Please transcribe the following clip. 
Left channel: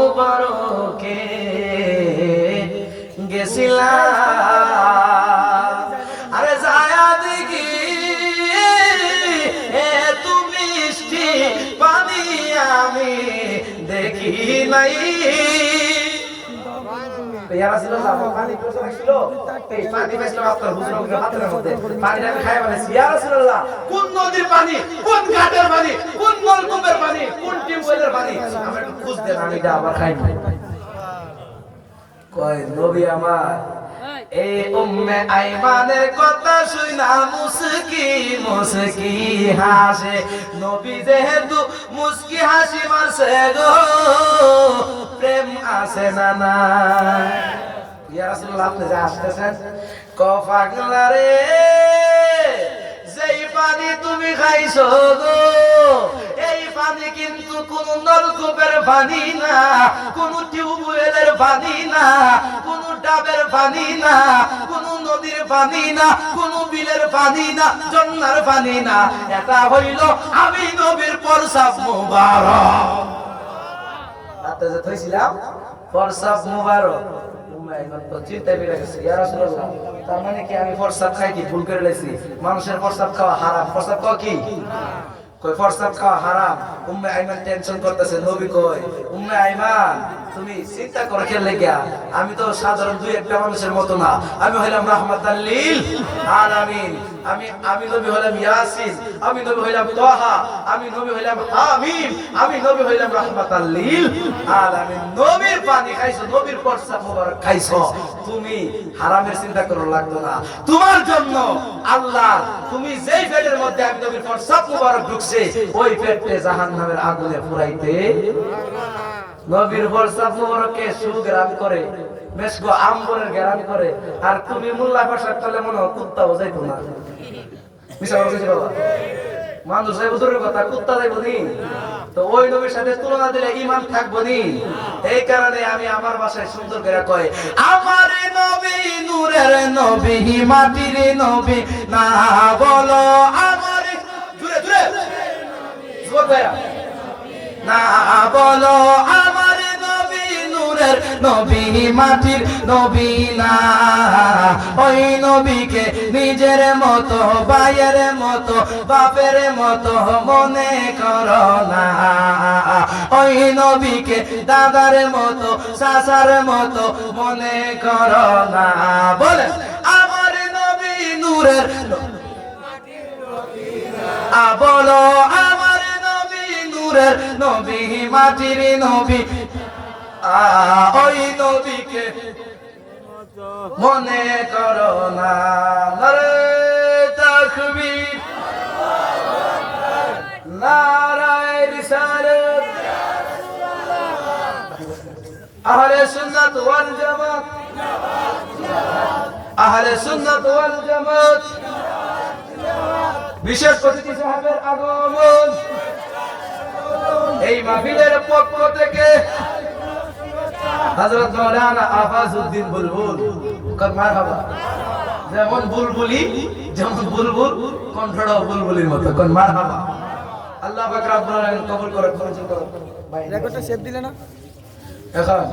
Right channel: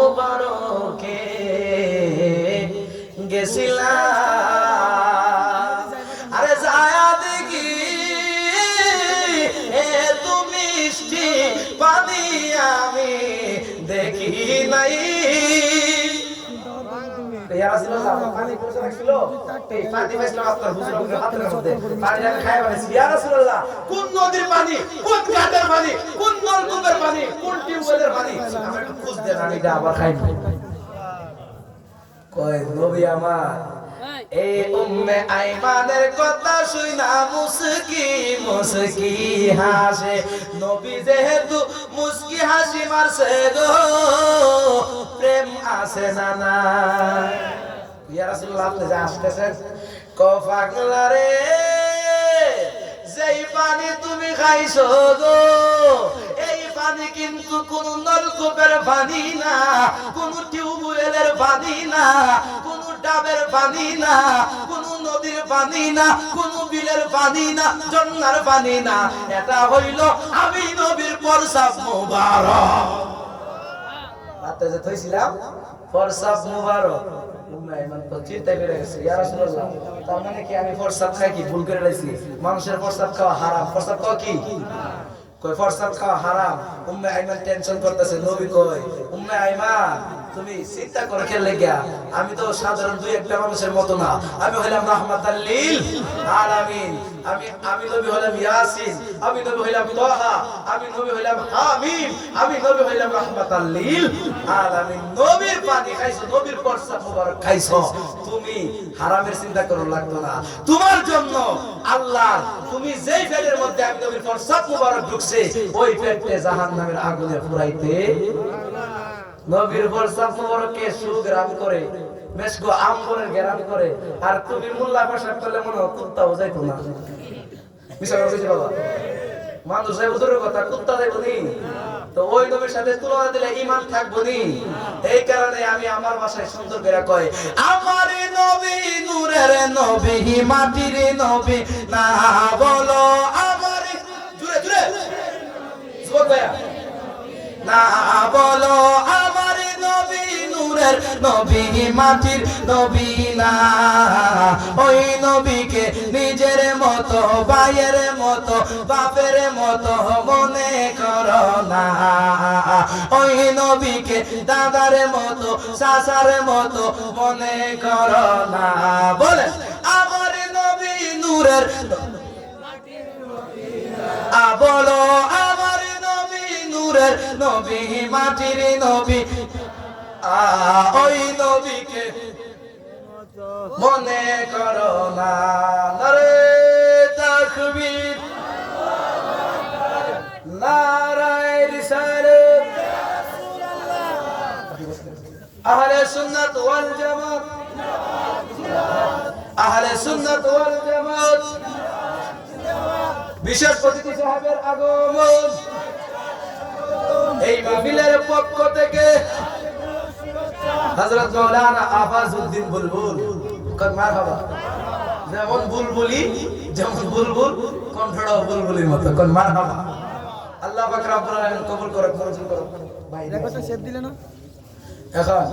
মুবারকে গেছিলাম, আরে যায়া দেখি এত মিষ্টি পানি আমি দেখি নাই। কোন নদীর পানি, কোন ঘাটের পানি, কোন নলকূপের পানি, কোন টিউবওয়েলের পানি খুঁজতে পানি আবার খাই কয় নবী আমার। এই উম্মে আইমানের কথা শুনা মুস্কি মুস্কি হাসে, নবী যেহেতু মুস্কি হাসি মারছে গো, প্রেম আছে না না? ইয়া রাসূলুল্লাহ আপনি যে আসতেছেন ক পাগলা রে, যেই পানি তুমি খাইছো গো, এই পানি কিন্তু কোন নলকূপের পানি না, কোন টিউবওয়েলের পানি না, কোন ডাবের পানি না, কোন নদীর পানি না, কোন বিলের পানি না, ঝর্ণার পানি না, এটা হইল আমি নবীর প্রসাব মুবারক। রাতে যে থইছিলাম প্রসাব মুবারক, তার মানে কি আমি প্রসাব খাই কি ভুল করে লাইছি? মানুষের প্রসাব খাওয়া হারাম। প্রসাব খাওয়া কি? কই প্রসাব খাওয়া হারাম। উম্মে আইমান টেনশন করতেছে, নবী কই উম্মে আইমান তুমি চিন্তা করে খেলে লাগিয়া, আমি তো সাধারণ দুই একটা মানুষের মতো না, আমি হইলাম রাহমাতাল লিল আলামিন, আমি নবী হইলাম ইয়াসিন, আমি নবী হইলাম তাহা, আমি নবী হইলাম হামিম, আমি নবী হইলাম রাহমাতাল লিল আলামিন। নবীর পানি খাইছো, নবীর প্রসাব মুবারক খাইছো, তুমি হারামের চিন্তা করো লাগতো না। তোমার জন্য আল্লাহ, তুমি যেই পেটের মধ্যে আমি নবীর প্রসাব মুবারক ঢুকছে, ওই পেটে জাহান্নামের আগুনে পুরাইতে নবীর প্রসাব মুবারককে সুগ্রাম করে, মেশকো আম্বরের গ্রাম করে, আর তুমি মোল্লা বসার তলে মনে হয় কুত্তা বোঝাইতো না। মিশা বলছি বাবা, মানুষ হুজুরের কথা কুত্তা যাইবো নি? তো ওই নবীর সাথে তুলনা দিলে ঈমান থাকবো নি? এই কারণে আমি আমার ভাষায় সুন্দর করে কই, আমার নবী নূরের নবী, মাটির নবী না বলো আমার, জুড়ে জুড়ে জোর ভাইয়া, না বলো আমার নবী নূরের নবী, মাটির নবী না। ওই নবীকে নিজের মতো, ভাইয়ের মতো, বাপের মতো মনে করো না। ওই নবীকে দাদার মতো, চাচার মতো মনে করো না। বলে আমার নবী নূরের, বলো আমার নূরের নবী, মাটির নবী, ওই নবীকে মনে করো না। নারে তাকবীর, নারায়ে রিসালাত। আহলে সুন্নাত ওয়াল জামাত, আহলে সুন্নাত ওয়াল জামাত। বিশেষ অতিথি সাহেবের আগমন, এই মাহফিলের পক্ষ থেকে হযরত মাওলানা আফাজউদ্দিন বুলবুল, মারহাবা। যেমন বুলবুলি, যেমন বুলবুল, কণ্ঠটাও বুলবুলির মতো, মারহাবা। আল্লাহ পাক রব্বুল আলামিন কবুল করে, কবুল করুন। ভাই রেকর্ডটা সেভ দিলে না এখন?